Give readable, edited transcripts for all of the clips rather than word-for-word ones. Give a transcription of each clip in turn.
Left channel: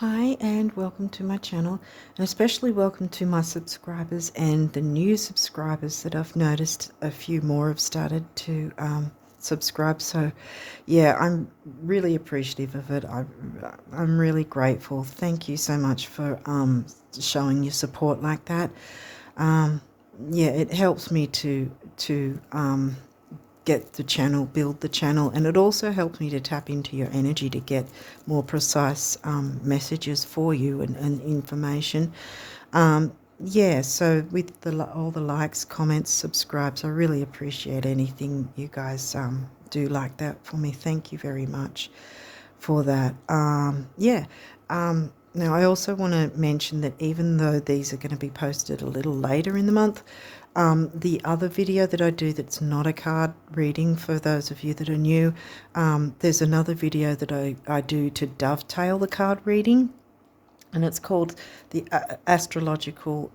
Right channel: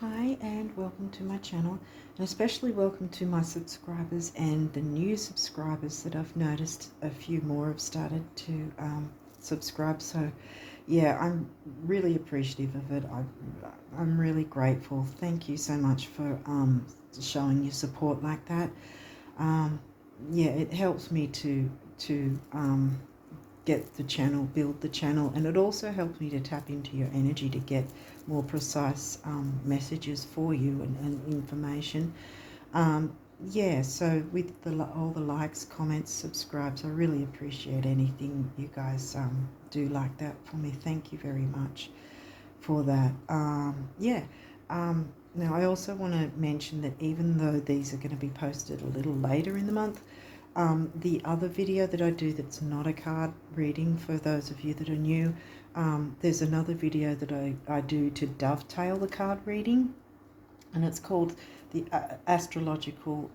Hi and welcome to my channel, and especially welcome to my subscribers and the new subscribers that I've noticed a few more have started to subscribe. So yeah, I'm really appreciative of it. I'm really grateful. Thank you so much for showing your support like that. Yeah, it helps me to get the channel, build the channel, and it also helps me to tap into your energy to get more precise messages for you and information. Yeah, so with all the likes, comments, subscribes, I really appreciate anything you guys do like that for me. Thank you very much for that. Yeah. Now, I also want to mention that even though these are going to be posted a little later in the month, the other video that I do that's not a card reading, for those of you that are new, there's another video that I do to dovetail the card reading, and it's called the Astrological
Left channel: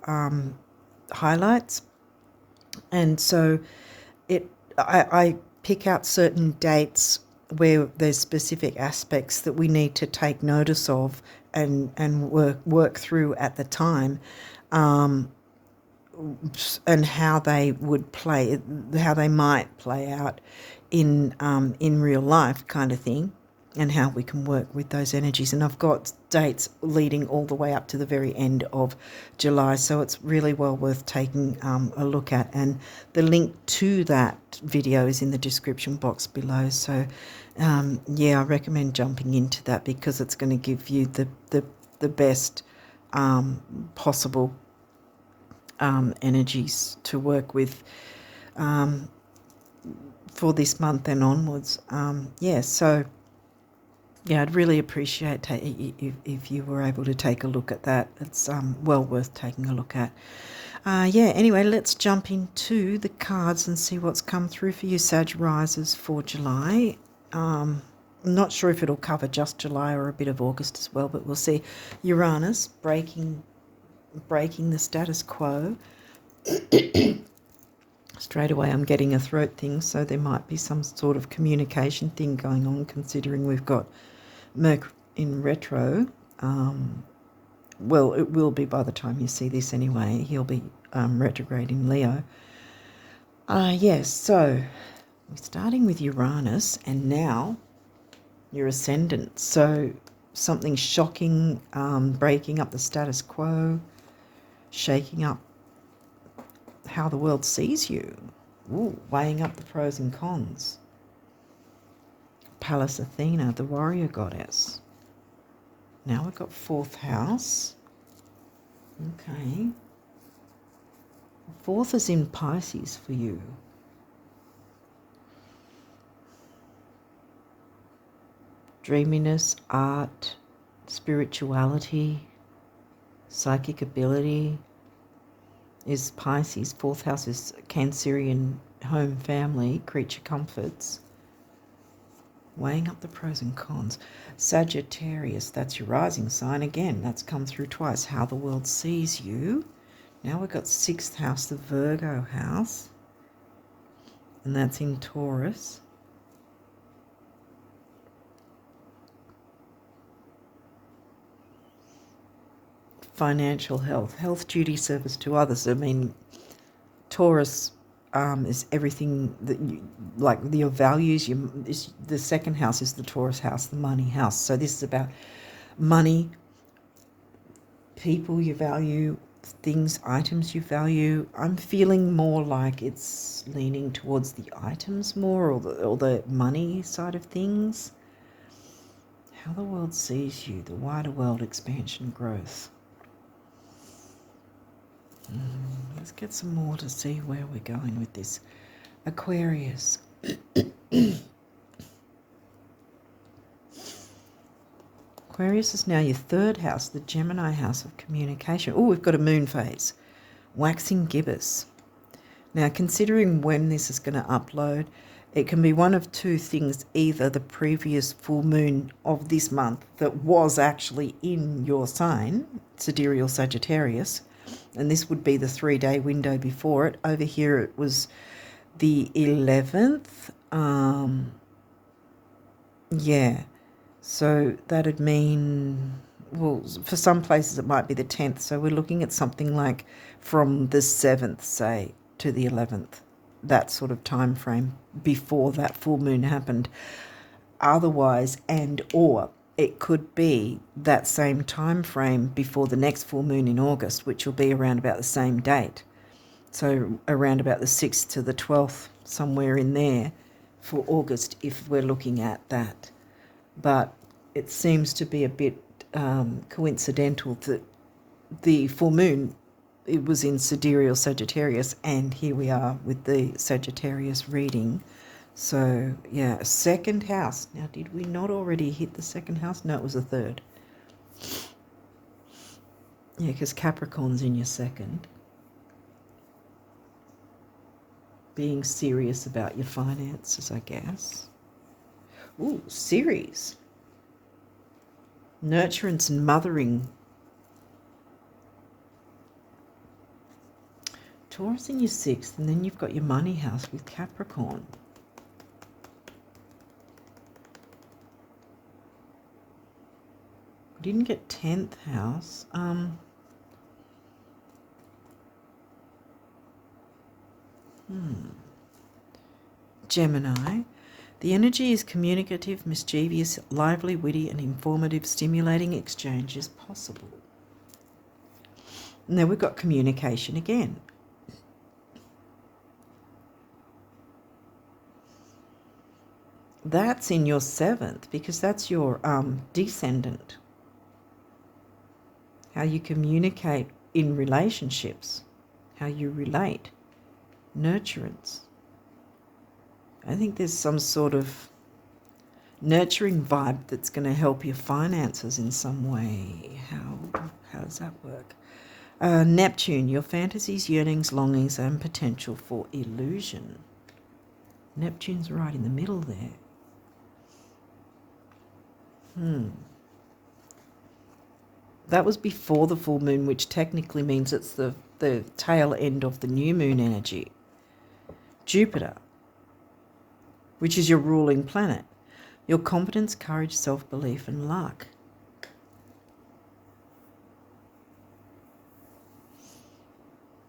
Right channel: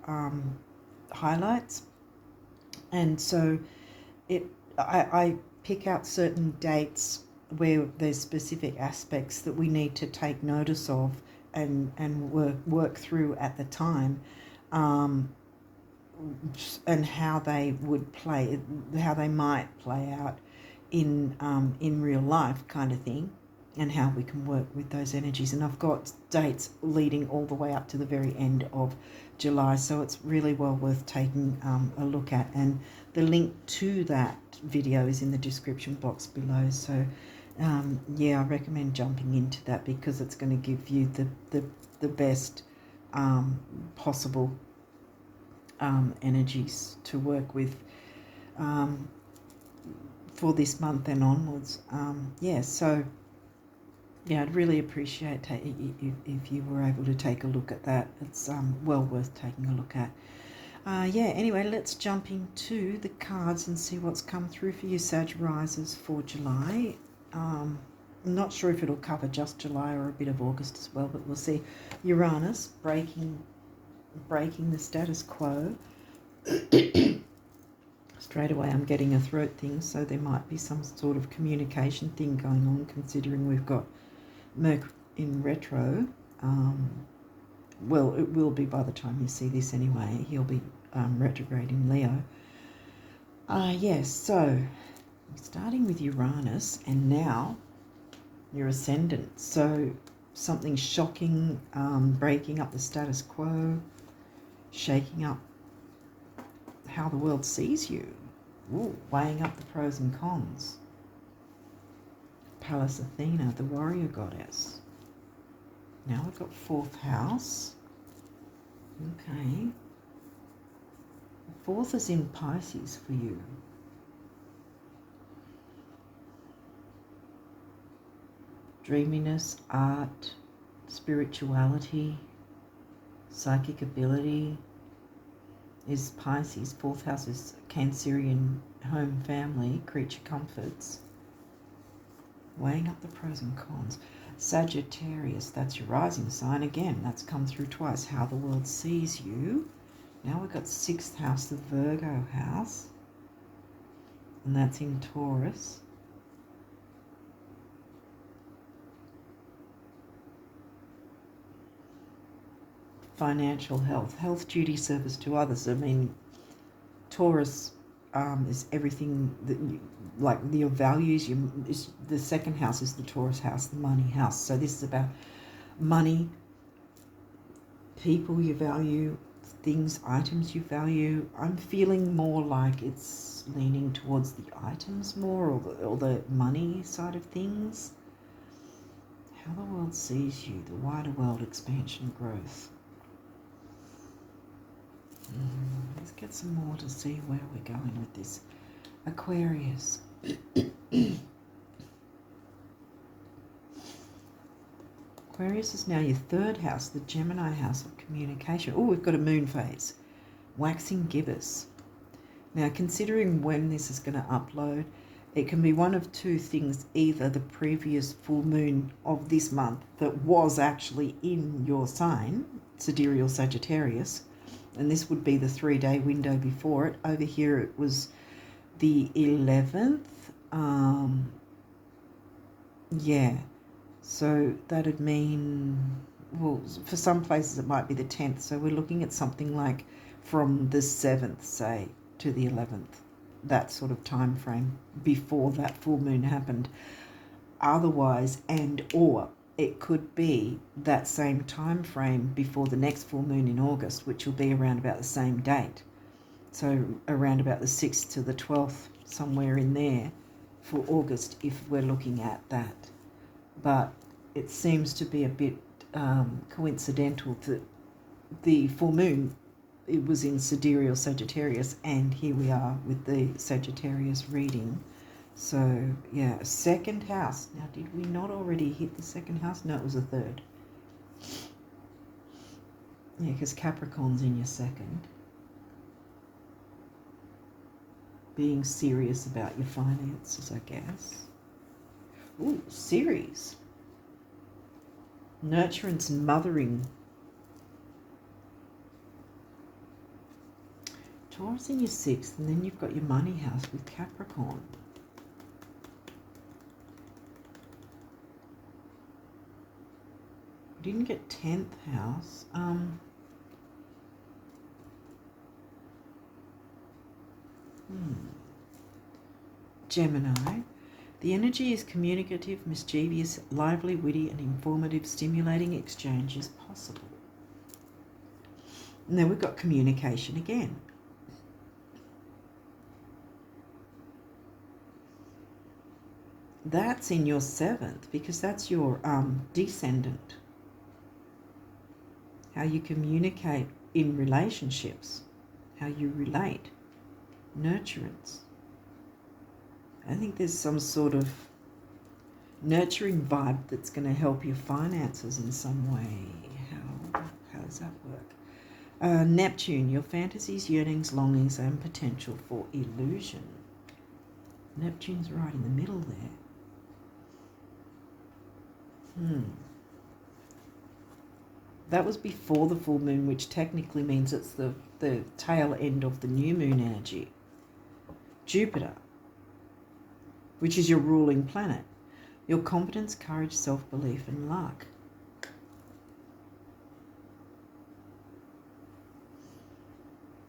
Highlights. And so I pick out certain dates where there's specific aspects that we need to take notice of and work through at the time, and how they would play, how they might play out in real life, kind of thing, and how we can work with those energies. And I've got dates leading all the way up to the very end of July, so it's really well worth taking a look at. And the link to that video is in the description box below. So yeah, I recommend jumping into that because it's going to give you the best possible energies to work with for this month and onwards. Yeah, so yeah, I'd really appreciate if you were able to take a look at that. It's well worth taking a look at. Yeah, anyway, let's jump into the cards and see what's come through for you, Sag risers, for July. I'm not sure if it'll cover just July or a bit of August as well, but we'll see. Uranus breaking the status quo. Straight away I'm getting a throat thing, so there might be some sort of communication thing going on, considering we've got Mercury in retro. Well, it will be by the time you see this anyway. He'll be retrograde in Leo. Yes, so we're starting with Uranus, and now your Ascendant. So something shocking, breaking up the status quo, shaking up how the world sees you. Ooh, weighing up the pros and cons. Pallas Athena, the warrior goddess. Now we've got fourth house. Okay. Fourth is in Pisces for you. Dreaminess, art, spirituality, psychic ability is Pisces. Fourth house is Cancerian, home, family, creature comforts. Weighing up the pros and cons. Sagittarius, that's your rising sign. Again, that's come through twice. How the world sees you. Now we've got sixth house, the Virgo house, and that's in Taurus. Financial health, health, duty, service to others. I mean, Taurus is everything that you like, your values. The second house is the Taurus house, the money house. So this is about money, people you value, things, items you value. I'm feeling more like it's leaning towards the items more, or the money side of things. How the world sees you, the wider world, expansion, growth. Let's get some more to see where we're going with this. Aquarius. Aquarius is now your third house, the Gemini house of communication. Oh, we've got a moon phase. Waxing gibbous. Now, considering when this is going to upload, it can be one of two things. Either the previous full moon of this month that was actually in your sign, Sidereal Sagittarius, and this would be the 3-day window before it. Over here it was the 11th. Yeah, so that'd mean well, for some places it might be the 10th. So we're looking at something like from the 7th, say, to the 11th. That sort of time frame before that full moon happened. Otherwise, and or it could be that same time frame before the next full moon in August, which will be around about the same date. So around about the 6th to the 12th, somewhere in there for August, if we're looking at that. But it seems to be a bit coincidental that the full moon, it was in Sidereal Sagittarius, and here we are with the Sagittarius reading. So, yeah, second house. Now, did we not already hit the second house? No, it was the third. Yeah, because Capricorn's in your second. Being serious about your finances, I guess. Ooh, series. Nurturance and mothering. Taurus in your sixth, and then you've got your money house with Capricorn. We didn't get 10th house. Gemini. The energy is communicative, mischievous, lively, witty, and informative. Stimulating exchange is possible. Now we've got communication again. That's in your seventh because that's your descendant. How you communicate in relationships, how you relate, nurturance. I think there's some sort of nurturing vibe that's going to help your finances in some way. How does that work? Neptune, your fantasies, yearnings, longings, and potential for illusion. Neptune's right in the middle there. That was before the full moon, which technically means it's the tail end of the new moon energy. Jupiter, which is your ruling planet. Your confidence, courage, self-belief, and luck.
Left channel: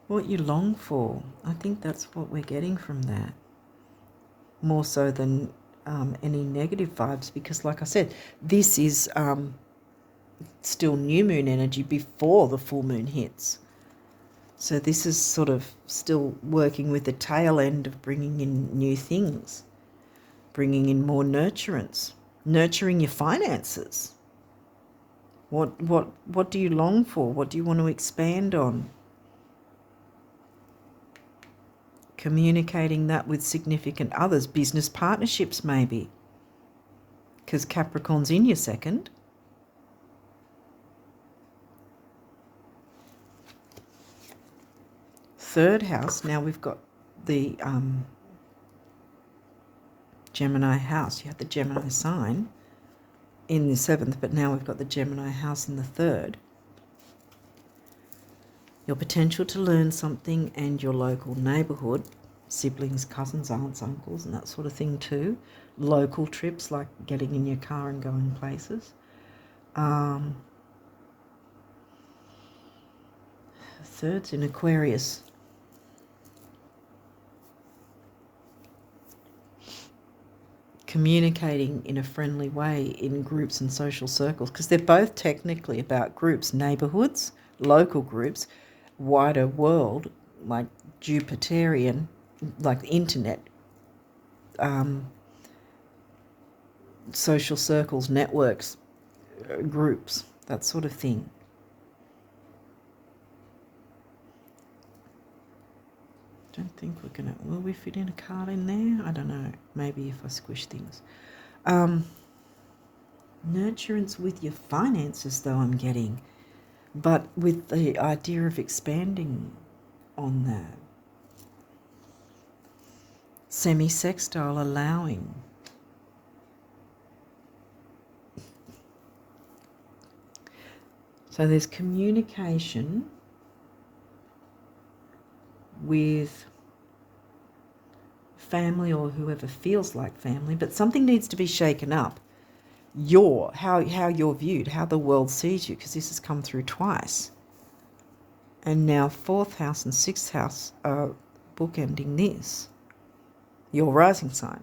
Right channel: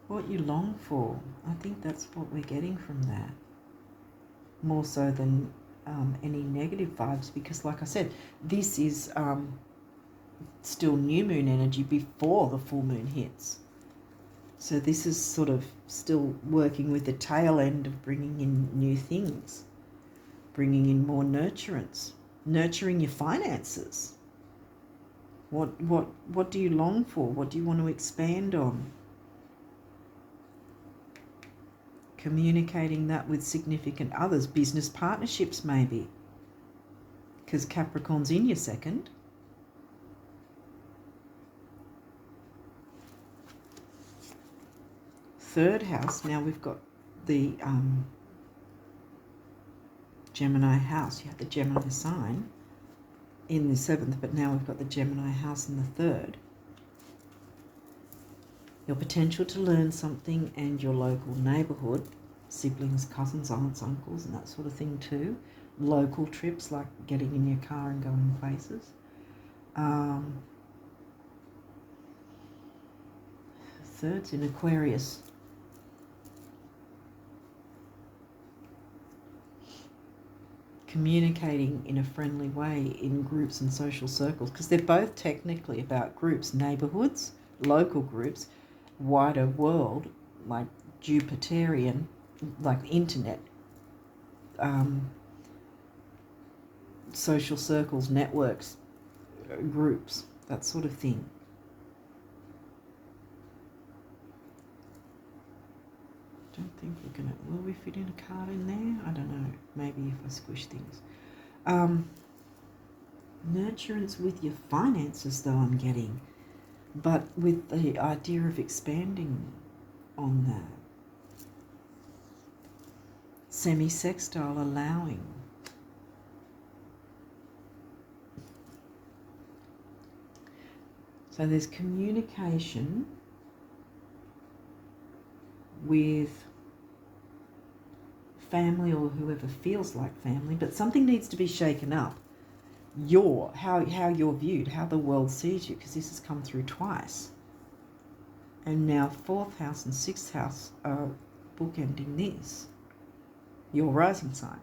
What you long for. I think that's what we're getting from that. More so than any negative vibes, because like I said, this is still new moon energy before the full moon hits. So this is sort of still working with the tail end of bringing in new things, bringing in more nurturance, nurturing your finances. What do you long for? What do you want to expand on? Communicating that with significant others, business partnerships maybe, because Capricorn's in your second. Third house, now we've got the Gemini house. You had the Gemini sign in the seventh, but now we've got the Gemini house in the third. Your potential to learn something and your local neighbourhood, siblings, cousins, aunts, uncles, and that sort of thing too. Local trips, like getting in your car and going places. Third's in Aquarius. Communicating in a friendly way in groups and social circles, because they're both technically about groups, neighbourhoods, local groups, wider world, like Jupiterian, like the internet, social circles, networks, groups, that sort of thing. Don't think we're gonna, will we fit in a card in there? I don't know, maybe if I squish things. Nurturance with your finances though, I'm getting, but with the idea of expanding on that. Semi-sextile, allowing. So there's communication with family or whoever feels like family, but something needs to be shaken up how you're viewed, how the world sees you, because this has come through twice. And now 4th house and 6th house are bookending this, your rising sign.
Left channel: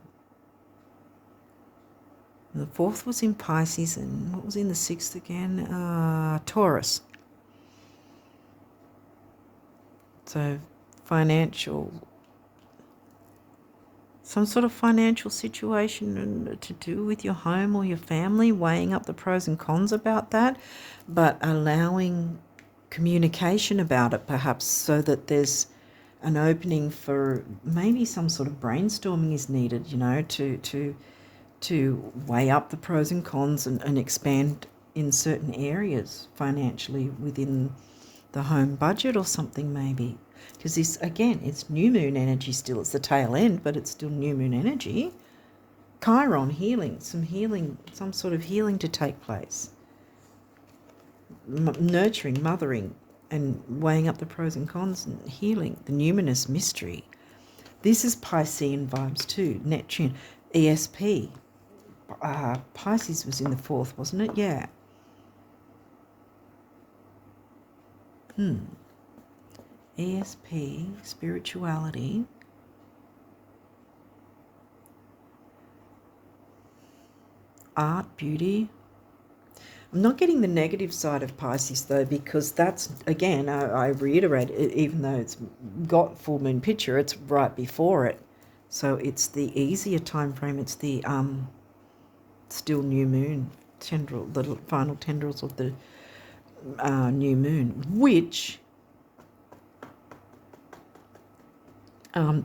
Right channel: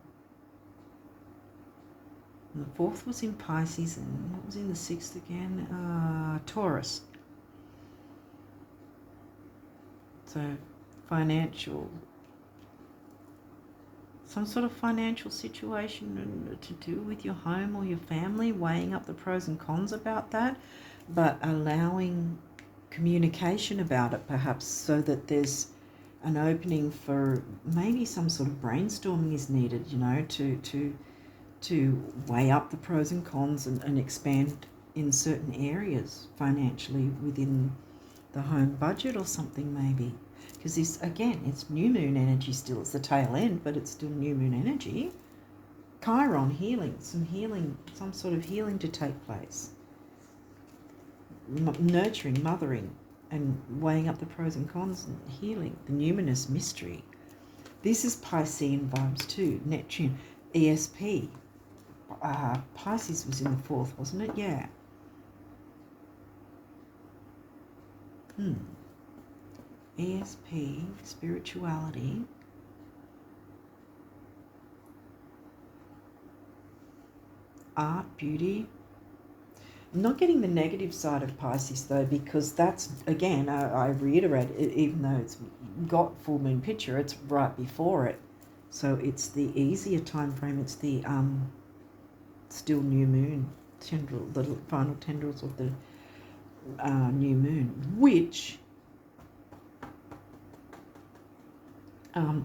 And the 4th was in Pisces, and what was in the 6th again? Taurus. So financial, some sort of financial situation to do with your home or your family, weighing up the pros and cons about that, but allowing communication about it perhaps, so that there's an opening for maybe some sort of brainstorming is needed, you know, to weigh up the pros and cons and expand in certain areas financially within the home budget or something maybe. Because this, again, it's new moon energy still. It's the tail end, but it's still new moon energy. Chiron, healing, some sort of healing to take place. Nurturing, mothering, and weighing up the pros and cons and healing. The numinous mystery. This is Piscean vibes too. Neptune, ESP. Pisces was in the 4th, wasn't it? Yeah. ESP, spirituality. Art, beauty. I'm not getting the negative side of Pisces though, because that's, again, I reiterate, even though it's got full moon picture, it's right before it. So it's the easier time frame. It's the still new moon tendril, the final tendrils of the new moon, which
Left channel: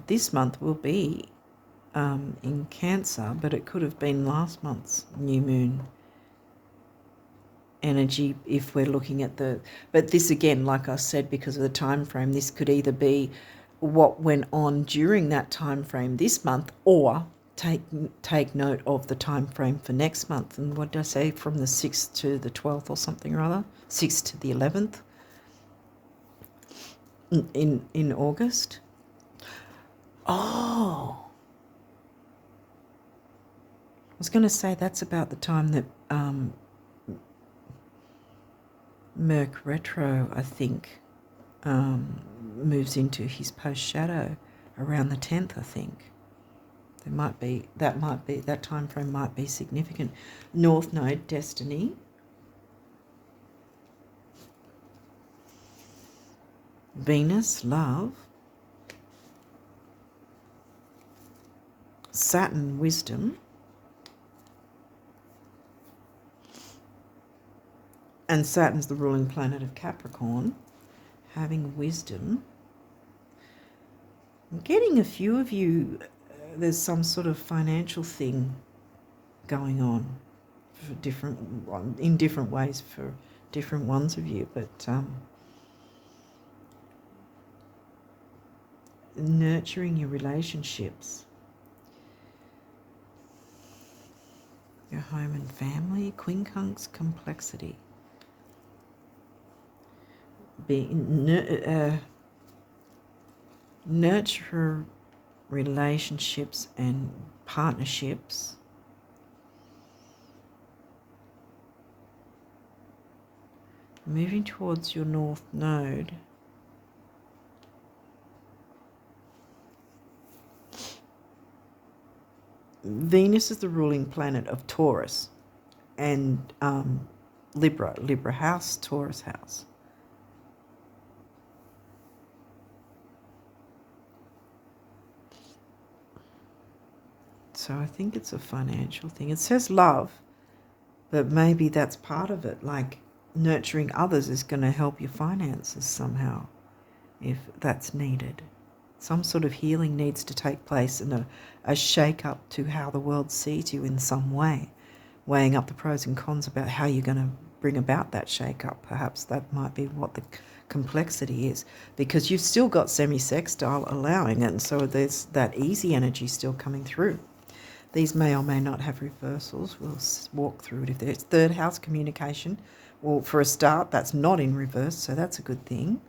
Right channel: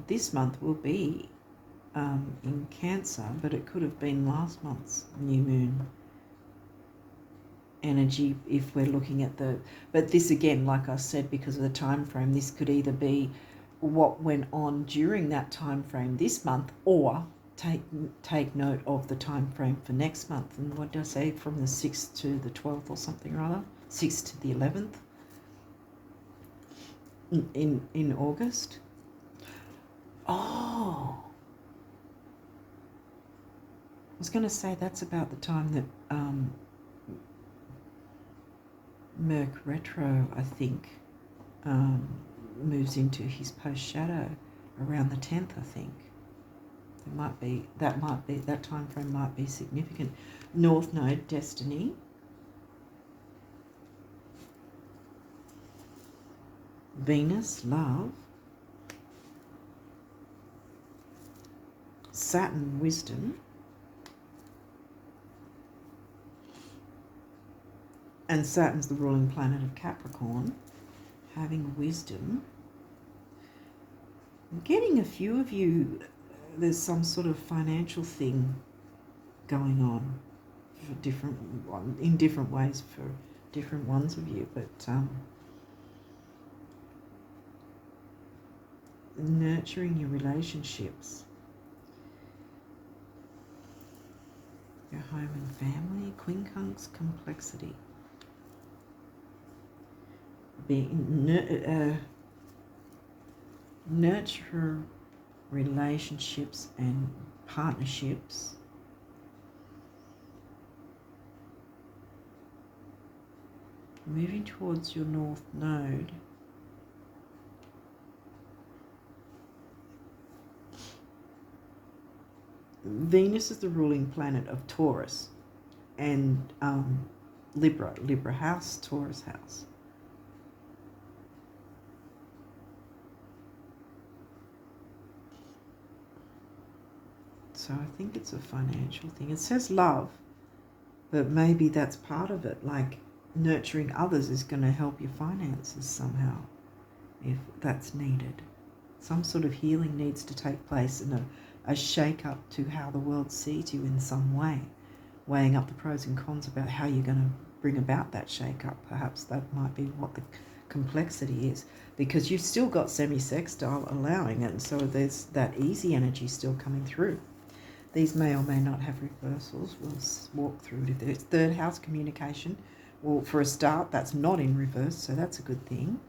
this month will be in Cancer, but it could have been last month's new moon energy if we're looking at the, but this again, like I said, because of the time frame, this could either be what went on during that time frame this month, or take note of the time frame for next month. And what did I say, from the 6th to the 12th or something or other, 6th to the 11th in August. Oh, I was going to say that's about the time that Merc retro, I think, moves into his post shadow around the 10th, I think. That time frame might be significant. North Node, destiny. Venus, love. Saturn, wisdom. And Saturn's the ruling planet of Capricorn. Having wisdom. I'm getting a few of you, there's some sort of financial thing going on for in different ways for different ones of you, but nurturing your relationships, your home and family. Quincunx, complexity. Nurture relationships and partnerships. Moving towards your North Node. Venus is the ruling planet of Taurus and Libra house, Taurus house. So I think it's a financial thing. It says love, but maybe that's part of it. Like nurturing others is going to help your finances somehow, if that's needed. Some sort of healing needs to take place, and a shake-up to how the world sees you in some way, weighing up the pros and cons about how you're going to bring about that shake-up. Perhaps that might be what the complexity is, because you've still got semi-sextile allowing it, and so there's that easy energy still coming through. These may or may not have reversals. We'll walk through it. If there's 3rd house communication, well, for a start, that's not in reverse, so that's a good thing.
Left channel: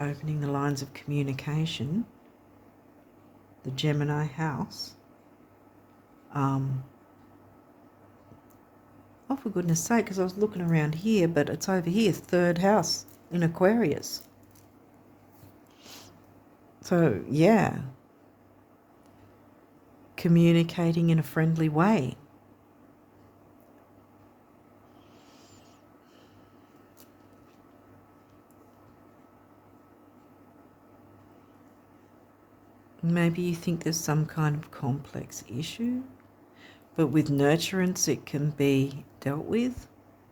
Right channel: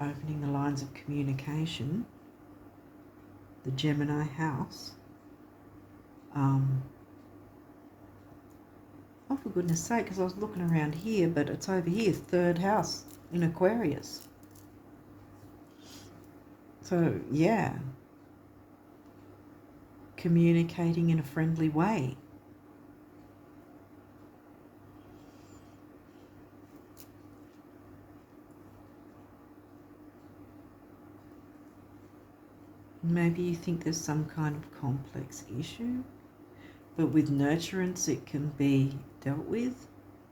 Opening the lines of communication. The Gemini house. Oh, for goodness sake, because I was looking around here, but it's over here, third house in Aquarius. So, yeah, communicating in a friendly way. Maybe you think there's some kind of complex issue, but with nurturance it can be dealt with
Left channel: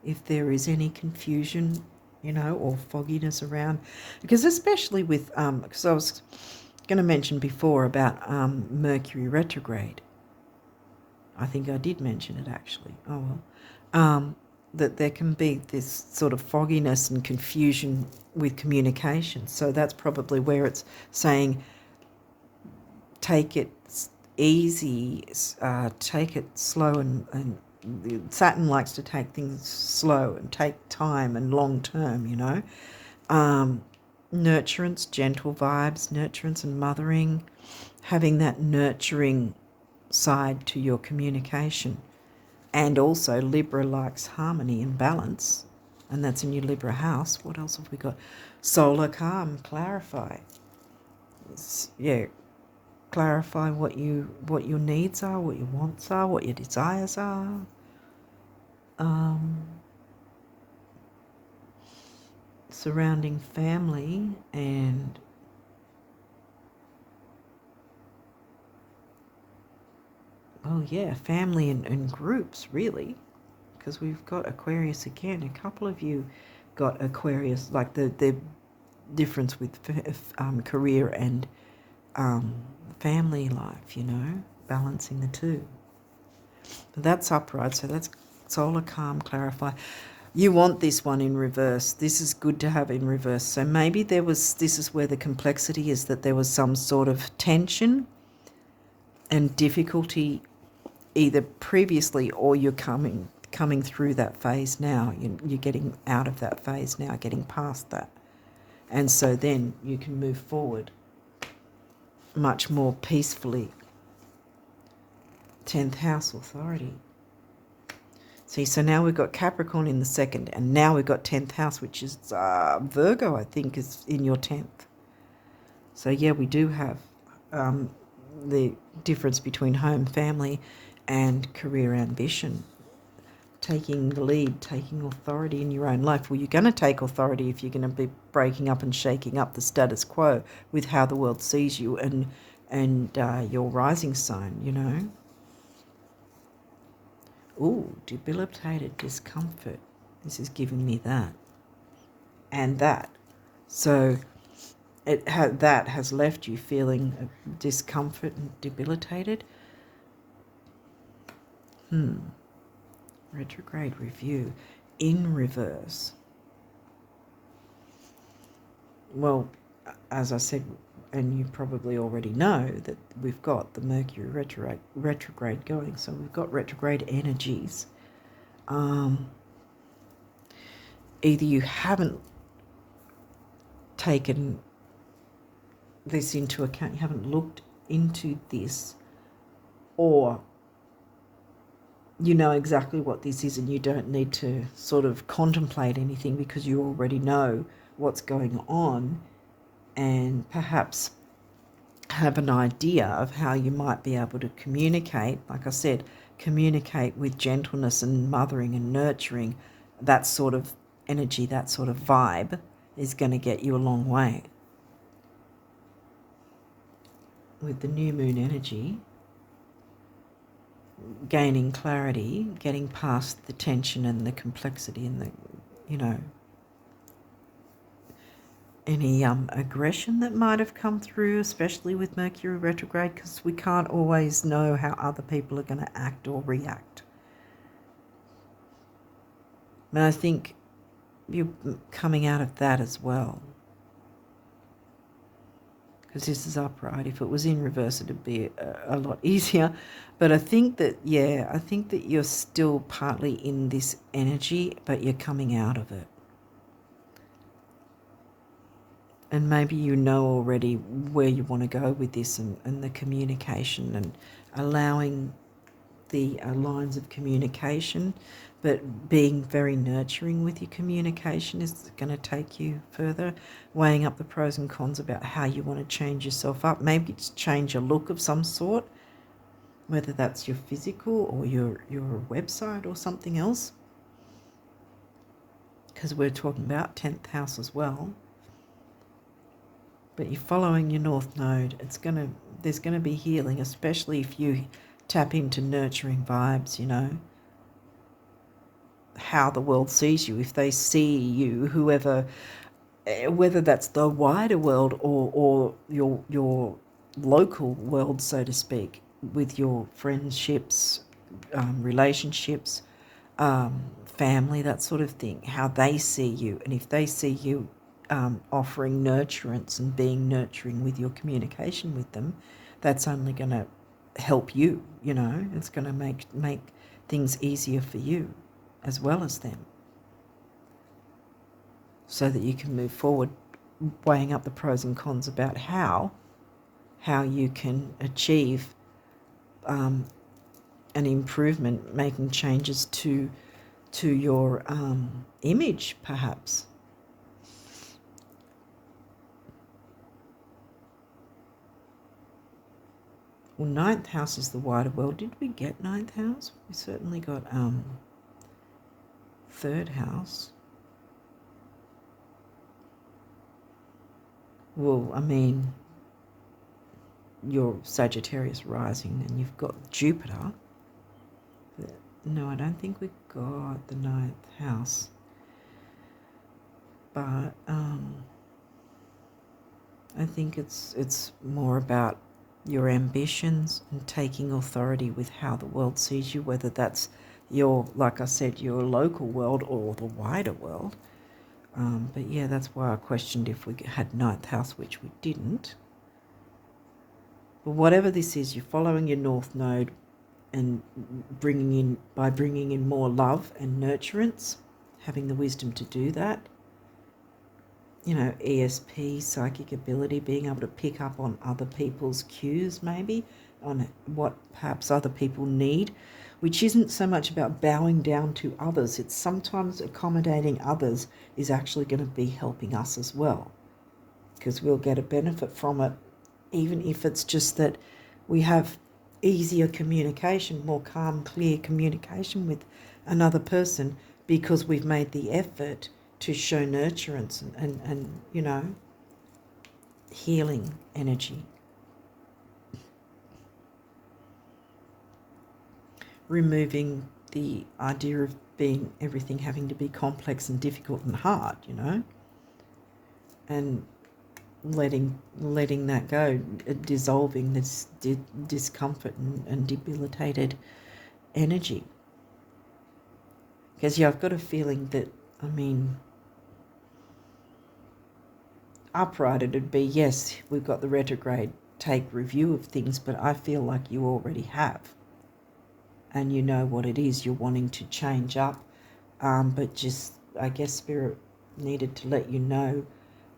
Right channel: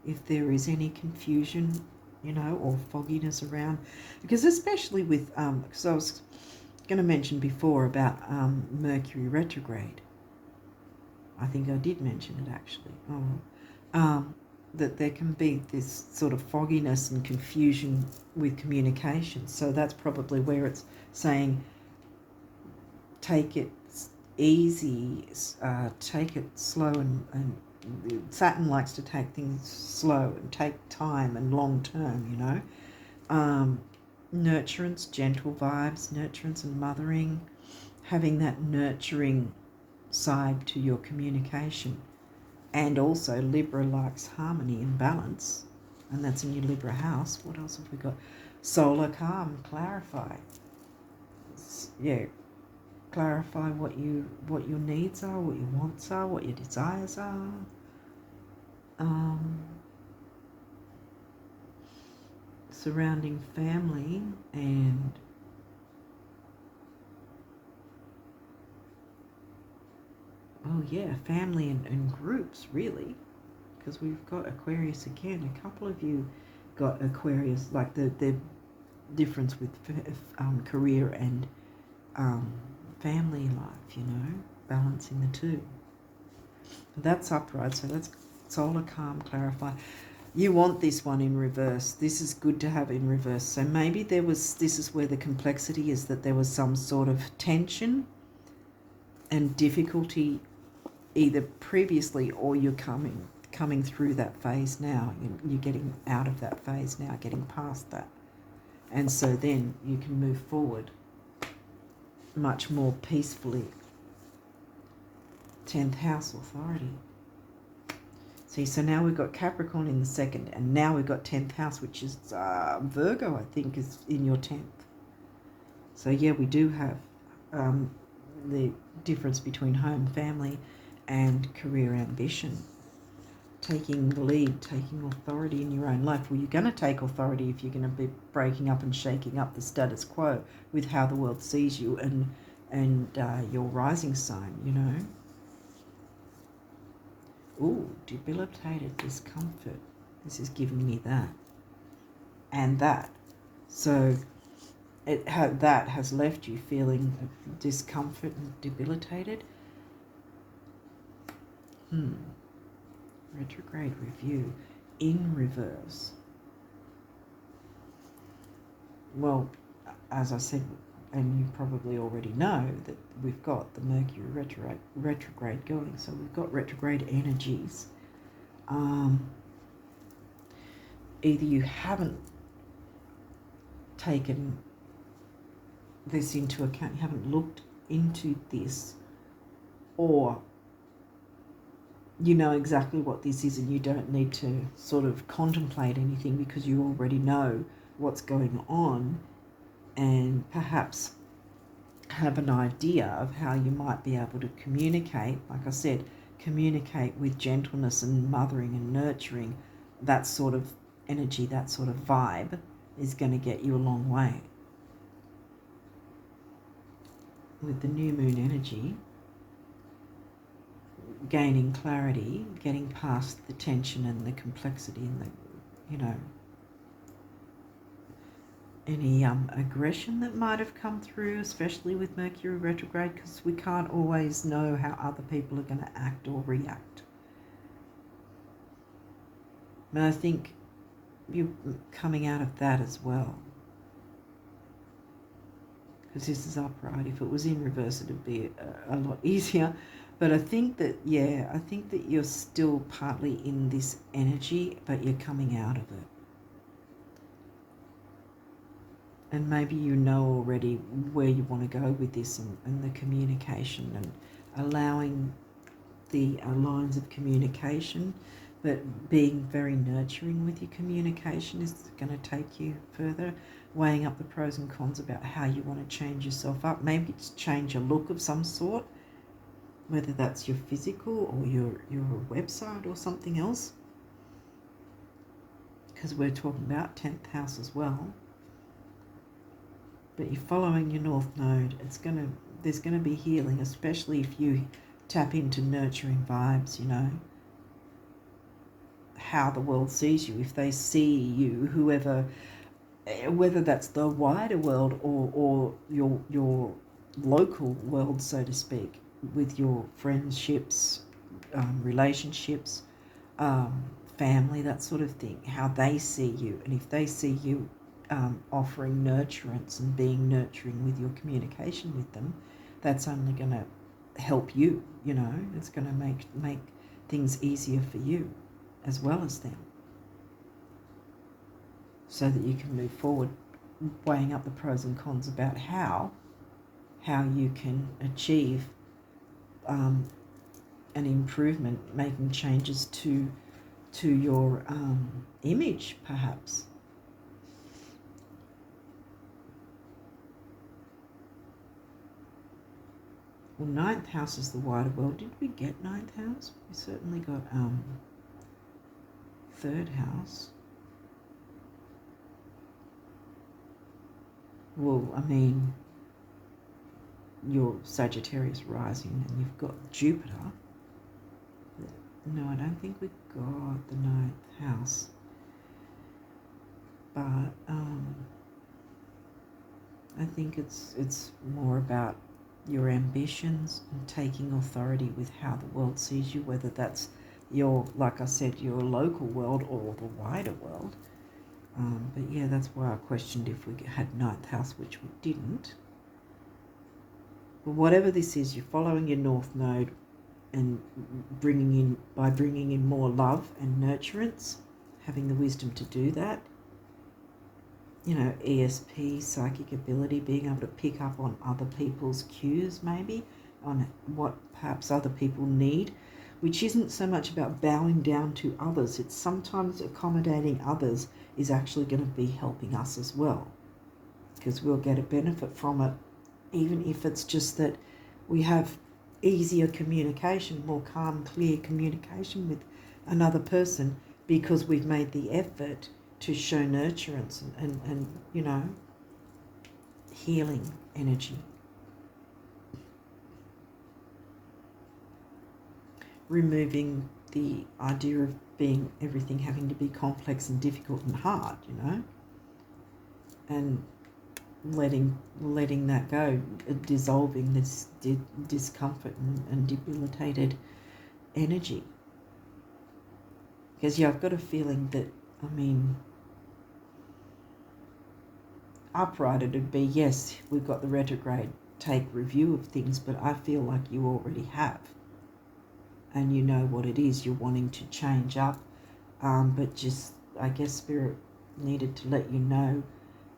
if there is any confusion, or fogginess around. Because especially with, because I was going to mention before about Mercury retrograde. I think I did mention it actually. Oh well. That there can be this sort of fogginess and confusion with communication. So that's probably where it's saying take it easy, take it slow, and Saturn likes to take things slow and take time and long term, Nurturance, gentle vibes, nurturance and mothering, having that nurturing side to your communication. And also Libra likes harmony and balance, and that's in your Libra house. What else have we got? Solar, calm, clarify. Clarify what your needs are, what your wants are, what your desires are. Surrounding family and family and groups, really, because we've got Aquarius again. A couple of you got Aquarius, like the difference with career and family life, balancing the two. That's upright, so that's solar, calm, clarify. You want this one in reverse. This is good to have in reverse. So maybe this is where the complexity is, that there was some sort of tension and difficulty either previously, or you're coming through that phase now. You're getting out of that phase now, getting past that. And so then you can move forward much more peacefully. 10th house authority. See, so now we've got Capricorn in the second, and now we've got 10th house, which is Virgo, I think, is in your 10th. So yeah, we do have the difference between home, family, and career ambition. Taking the lead, taking authority in your own life. Well, you're going to take authority if you're going to be breaking up and shaking up the status quo with how the world sees you and your rising sign, Ooh, debilitated discomfort. This is giving me that. And that. So that has left you feeling discomfort and debilitated. Retrograde review in reverse. Well, as I said, and you probably already know, that we've got the Mercury retrograde going. So we've got retrograde energies. Either you haven't taken this into account, you haven't looked into this, or you know exactly what this is and you don't need to sort of contemplate anything because you already know what's going on, and perhaps have an idea of how you might be able to communicate. Like I said, communicate with gentleness and mothering and nurturing. That sort of energy, that sort of vibe is going to get you a long way. With the new moon energy, gaining clarity, getting past the tension and the complexity and the, any aggression that might have come through, especially with Mercury retrograde, because we can't always know how other people are going to act or react. But I think you're coming out of that as well, because this is upright. If it was in reverse, it'd be a lot easier. But I think that you're still partly in this energy, but you're coming out of it. And maybe you know already where you want to go with this, and the communication, and allowing the lines of communication, but being very nurturing with your communication is going to take you further. Weighing up the pros and cons about how you want to change yourself up. Maybe it's change a look of some sort, whether that's your physical or your website or something else, because we're talking about 10th house as well. But you're following your north node. There's going to be healing, especially if you tap into nurturing vibes, you know, how the world sees you. If they see you, whoever, whether that's the wider world or your local world, so to speak, with your friendships, relationships, family, that sort of thing, how they see you. And if they see you offering nurturance and being nurturing with your communication with them, that's only going to help you, you know. It's going to make things easier for you as well as them, so that you can move forward, weighing up the pros and cons about how you can achieve an improvement, making changes to your image, perhaps. Well, ninth house is the wider world. Did we get ninth house? We certainly got third house. Well, I mean, you're Sagittarius rising and you've got Jupiter. No, I don't think we got the ninth house. But I think it's more about your ambitions and taking authority with how the world sees you, whether that's your, like I said, your local world or the wider world. But yeah, that's why I questioned if we had ninth house, which we didn't. But whatever this is, you're following your north node and bringing in more love and nurturance, having the wisdom to do that. You know, ESP, psychic ability, being able to pick up on other people's cues, maybe, on what perhaps other people need, which isn't so much about bowing down to others. It's sometimes accommodating others is actually going to be helping us as well, because we'll get a benefit from it, even if it's just that we have easier communication, more calm, clear communication with another person, because we've made the effort to show nurturance and you know, healing energy. Removing the idea of everything having to be complex and difficult and hard, you know, and letting that go, dissolving this discomfort and debilitated energy. Because yeah, I've got a feeling that, I mean, upright it'd be, yes, we've got the retrograde, take review of things, but I feel like you already have, and you know what it is you're wanting to change up, but just, I guess Spirit needed to let you know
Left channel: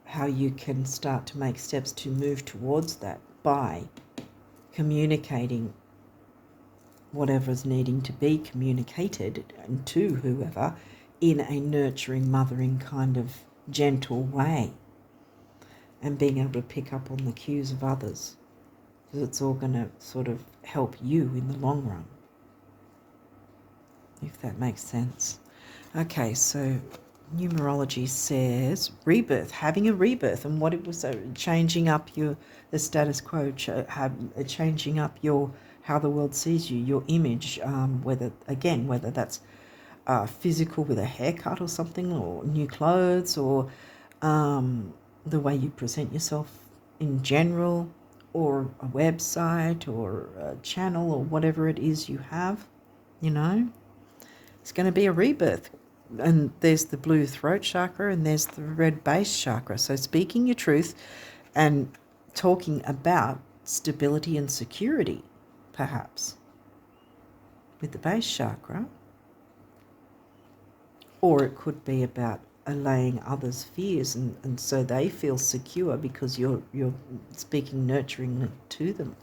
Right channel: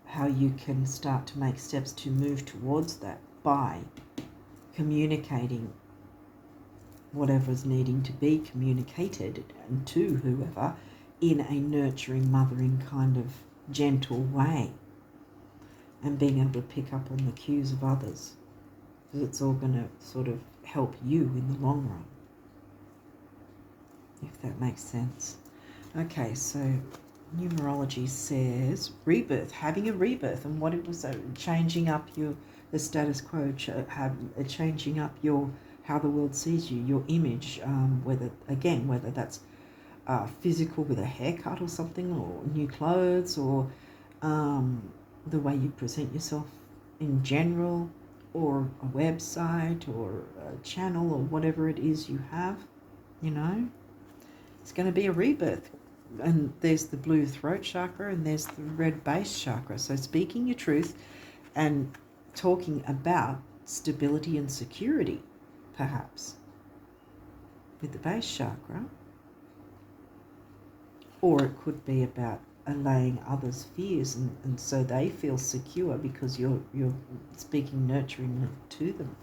how you can start to make steps to move towards that by communicating whatever's needing to be communicated and to whoever in a nurturing, mothering kind of gentle way, and being able to pick up on the cues of others, because it's all going to sort of help you in the long run, if that makes sense. Okay, so numerology says rebirth, having a rebirth, and what it was, changing up the status quo, changing up how the world sees you, your image, whether that's physical with a haircut or something, or new clothes, or the way you present yourself in general, or a website or a channel or whatever it is you have, you know, it's going to be a rebirth. And there's the blue throat chakra and there's the red base chakra. So speaking your truth and talking about stability and security, perhaps, with the base chakra. Or it could be about allaying others' fears, and so they feel secure because you're speaking nurturing to them.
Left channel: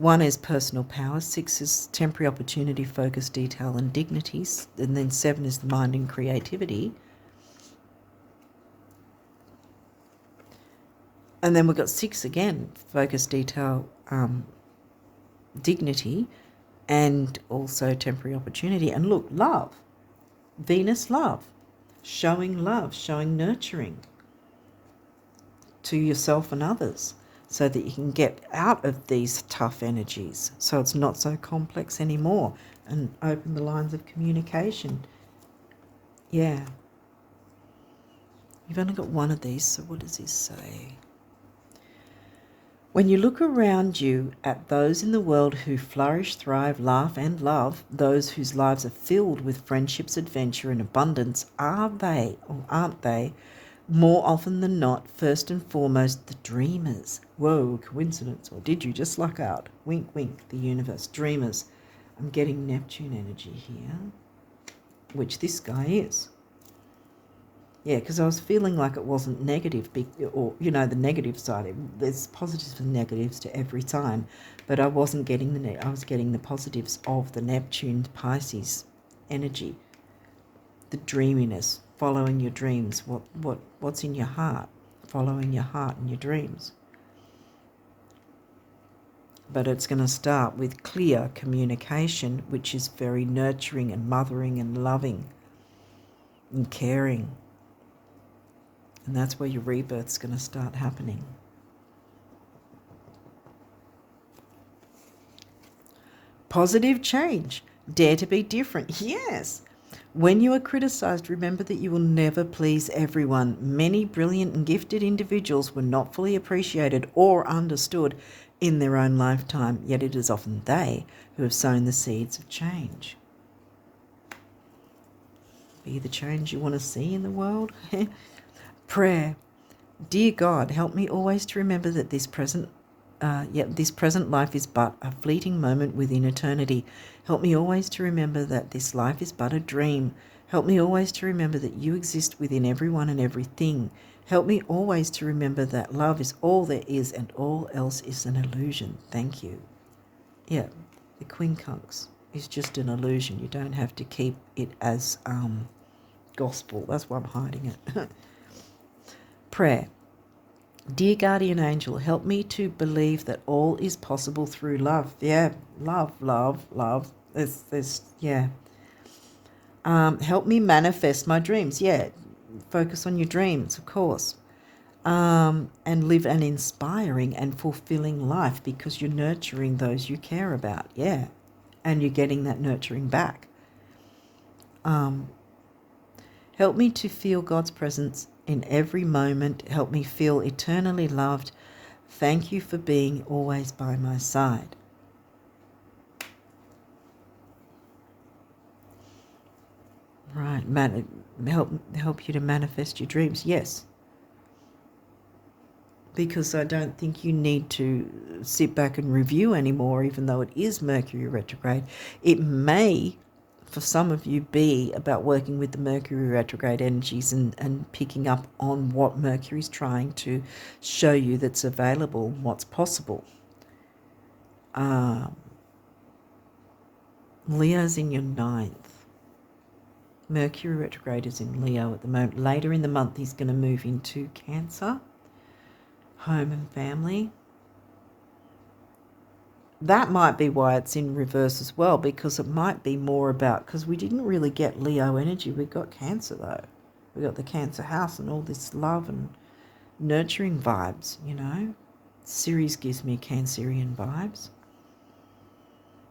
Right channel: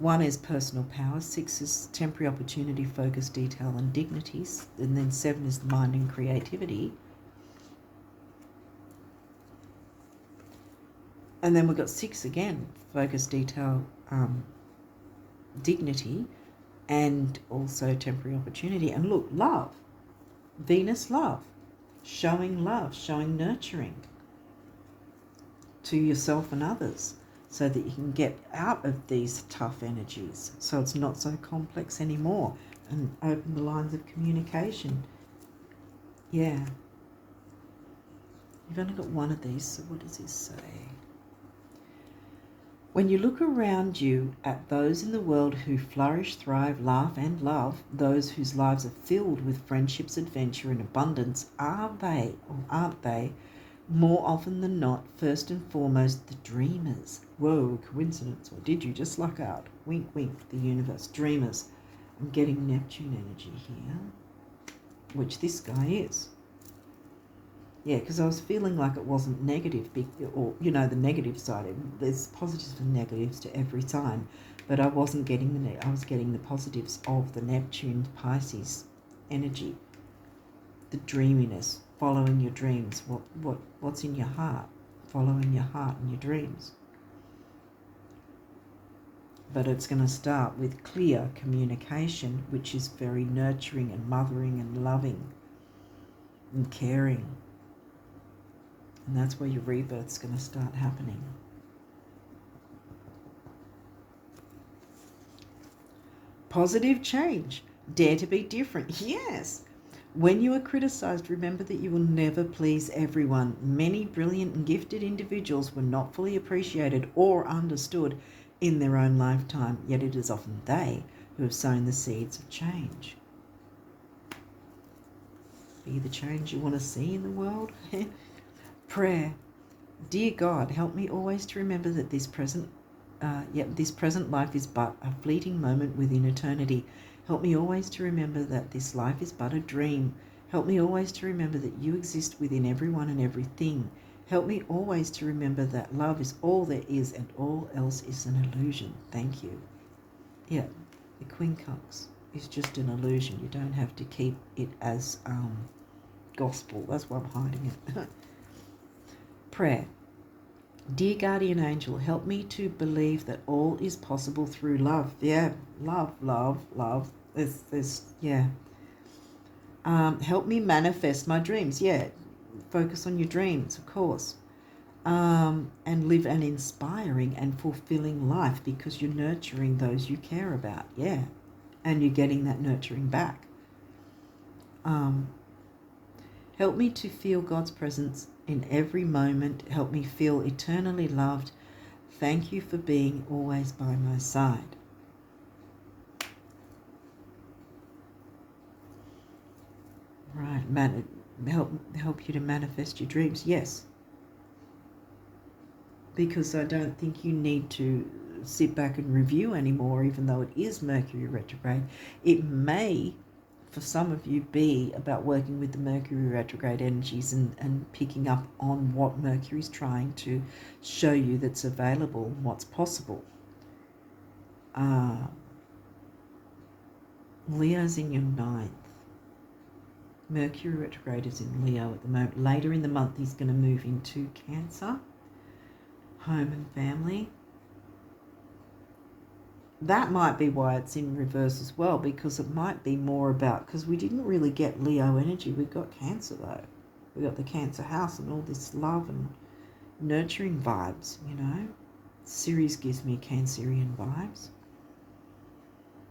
1 is personal power. 6 is temporary opportunity, focus, detail, and dignities. And then 7 is the mind and creativity. And then we've got 6 again, focus, detail, dignity, and also temporary opportunity. And look, love. Venus, love. Showing love, showing nurturing to yourself and others so that you can get out of these tough energies so it's not so complex anymore and open the lines of communication. Yeah. You've only got one of these, so what does this say? When you look around you at those in the world who flourish, thrive, laugh and love, those whose lives are filled with friendships, adventure and abundance, are they, or aren't they, more often than not, first and foremost, the dreamers? Whoa, coincidence, or did you just luck out? Wink, wink, the universe. Dreamers. I'm getting Neptune energy here, which this guy is. Yeah, because I was feeling like it wasn't negative, or, you know, the negative side. There's positives and negatives to every sign, but I wasn't getting I was getting the positives of the Neptune Pisces energy, the dreaminess, following your dreams, what's in your heart, following your heart and your dreams. But it's going to start with clear communication, which is very nurturing and mothering and loving and caring. And that's where your rebirth's going to start happening. Positive change. Dare to be different. Yes. When you are criticized, remember that you will never please everyone. Many brilliant and gifted individuals were not fully appreciated or understood in their own lifetime, yet it is often they who have sown the seeds of change. Be the change you want to see in the world. Prayer. Dear God, help me always to remember that this present life is but a fleeting moment within eternity. Help me always to remember that this life is but a dream. Help me always to remember that you exist within everyone and everything. Help me always to remember that love is all there is and all else is an illusion. Thank you. Yeah, the quincunx is just an illusion. You don't have to keep it as gospel. That's why I'm hiding it. Prayer. Dear guardian angel, help me to believe that all is possible through love. Yeah, love. Help me manifest my dreams. Yeah, focus on your dreams, of course. And live an inspiring and fulfilling life because you're nurturing those you care about. Yeah, and you're getting that nurturing back. Help me to feel God's presence in every moment. Help me feel eternally loved. Thank you for being always by my side. Right, help you to manifest your dreams. Yes, because I don't think you need to sit back and review anymore, even though it is Mercury retrograde. It may, for some of you, be about working with the Mercury retrograde energies and picking up on what Mercury's trying to show you that's available, what's possible. Leo's in your 9th. Mercury retrograde is in Leo at the moment. Later in the month, he's going to move into Cancer, home and family. That might be why it's in reverse as well, because it might be more about, because we didn't really get Leo energy. We got Cancer, though. We got the Cancer house and all this love and nurturing vibes, you know. Series gives me Cancerian vibes.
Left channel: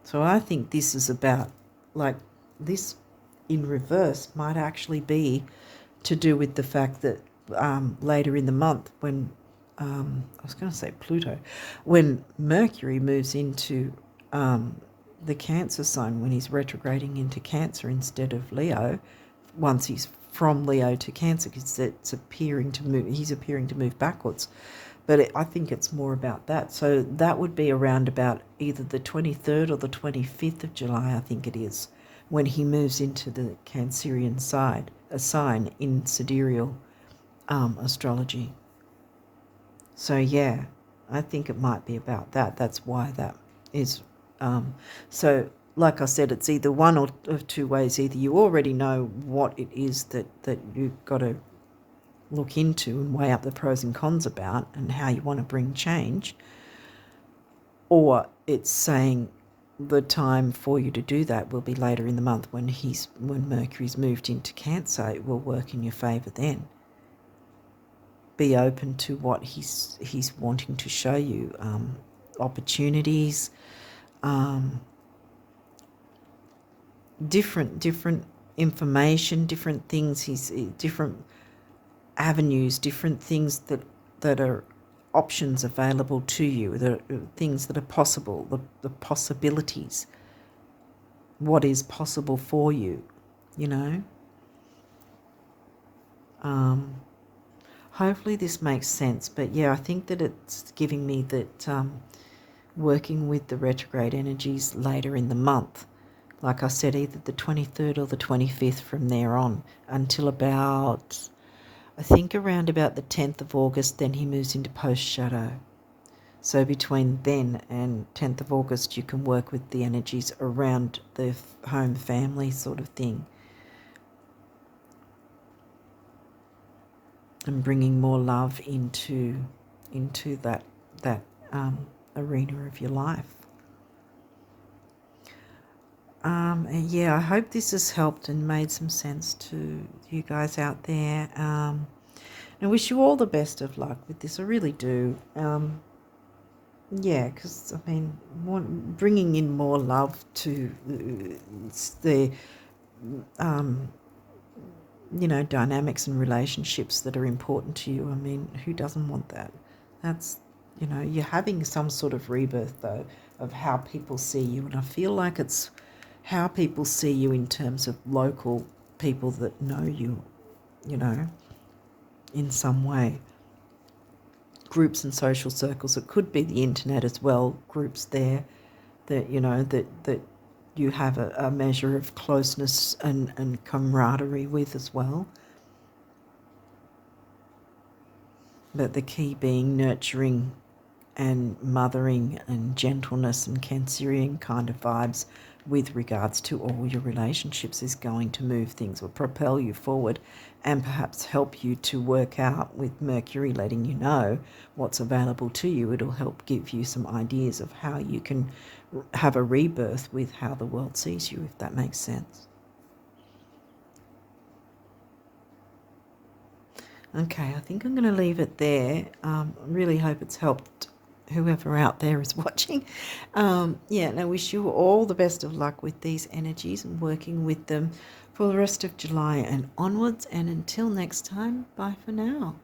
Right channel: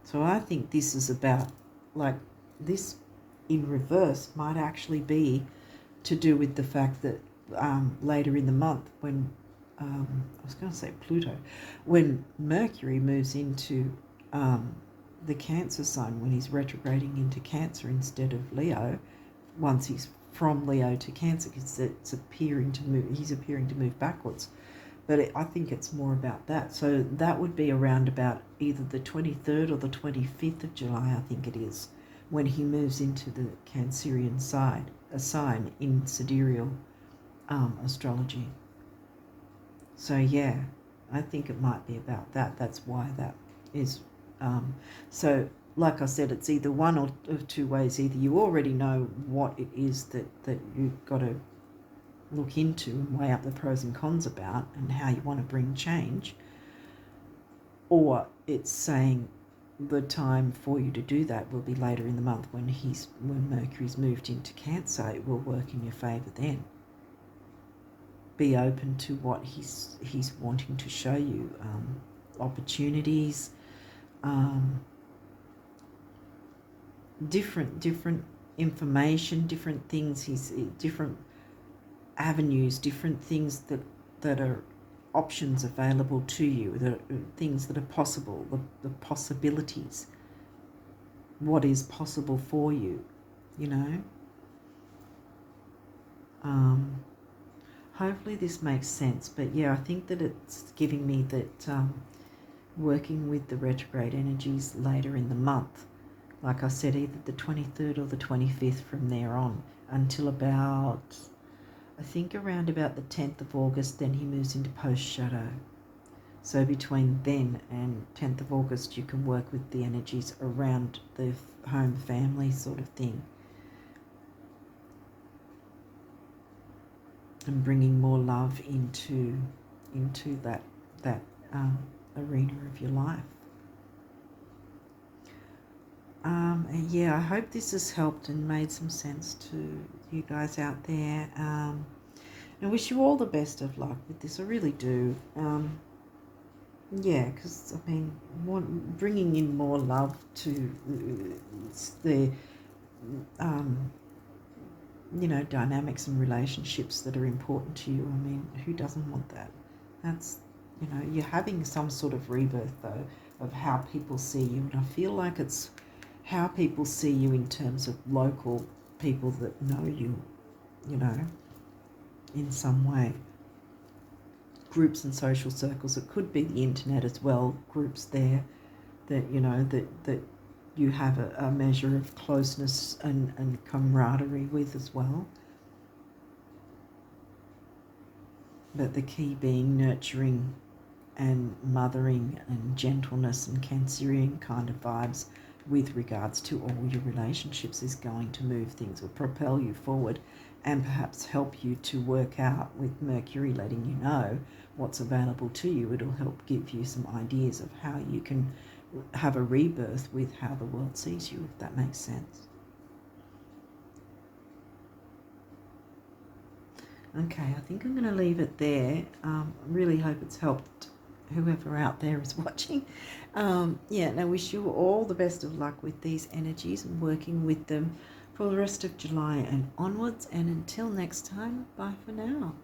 So I think this is about, like, this in reverse might actually be to do with the fact that later in the month when I was going to say Pluto, when Mercury moves into the Cancer sign, when he's retrograding into Cancer instead of Leo, once he's from Leo to Cancer, because he's appearing to move backwards. But I think it's more about that. So that would be around about either the 23rd or the 25th of July, I think it is, when he moves into the Cancerian side, a sign in sidereal astrology. So yeah, I think it might be about that. That's why that is so like I said, it's either one or two ways. Either you already know what it is that you've got to look into and weigh up the pros and cons about and how you want to bring change, or it's saying the time for you to do that will be later in the month when Mercury's moved into Cancer. It will work in your favour then. Be open to what he's wanting to show you, opportunities, different information, different things. He's different avenues, different things that are options available to you, the things that are possible, the possibilities, what is possible for you, you know. Hopefully this makes sense, but yeah, I think that it's giving me that working with the retrograde energies later in the month, like I said, either the 23rd or the 25th from there on until about, I think around about the 10th of August, then he moves into post-shadow. So between then and 10th of August, you can work with the energies around the home family sort of thing. And bringing more love into that arena of your life. And yeah, I hope this has helped and made some sense to you guys out there. I wish you all the best of luck with this. I really do. Yeah, because I mean, bringing in more love to the dynamics and relationships that are important to you. I mean, who doesn't want that? That's, you're having some sort of rebirth, though, of how people see you. And I feel like it's how people see you in terms of local people that know you, in some way. Groups and social circles. It could be the internet as well, groups there that, that you have a measure of closeness and camaraderie with as well. But the key being nurturing and mothering and gentleness and Cancerian kind of vibes with regards to all your relationships is going to move things or propel you forward and perhaps help you to work out, with Mercury letting you know what's available to you. It'll help give you some ideas of how you can have a rebirth with how the world sees you, if that makes sense. Okay, I think I'm going to leave it there. Really hope it's helped whoever out there is watching. Yeah, and I wish you all the best of luck with these energies and working with them for the rest of July and onwards. And until next time, bye for now.